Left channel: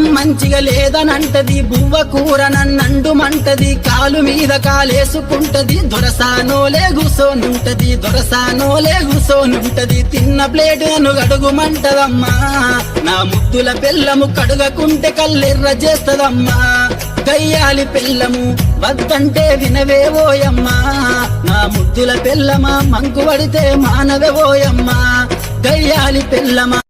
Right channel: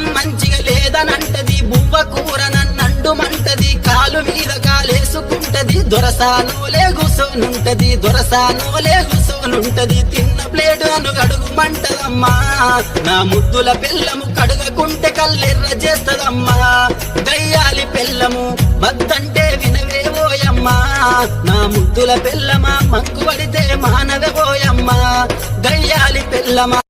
అన్నం మంచిగా లేదనంటది, బువ్వ కూర నన్నండు మంటది, కాలు మీద కాలేసుకుంటది, దొరసానోలే కూసోనుంటది, తిన్న ప్లేటు నన్ను గడుగుమంటదమ్మా. నా ముద్దుల పెళ్ళము కడుగకుంటే కల్లెర్ర చేస్తదమ్మా. గయ్యాలి పెళ్ళము వద్దంటే వినవేవోయమ్మా. నా ముద్దుల పెళ్ళమా మంకు పడితే మానవేవోయమ్మా. గయ్యాలి పెళ్ళమా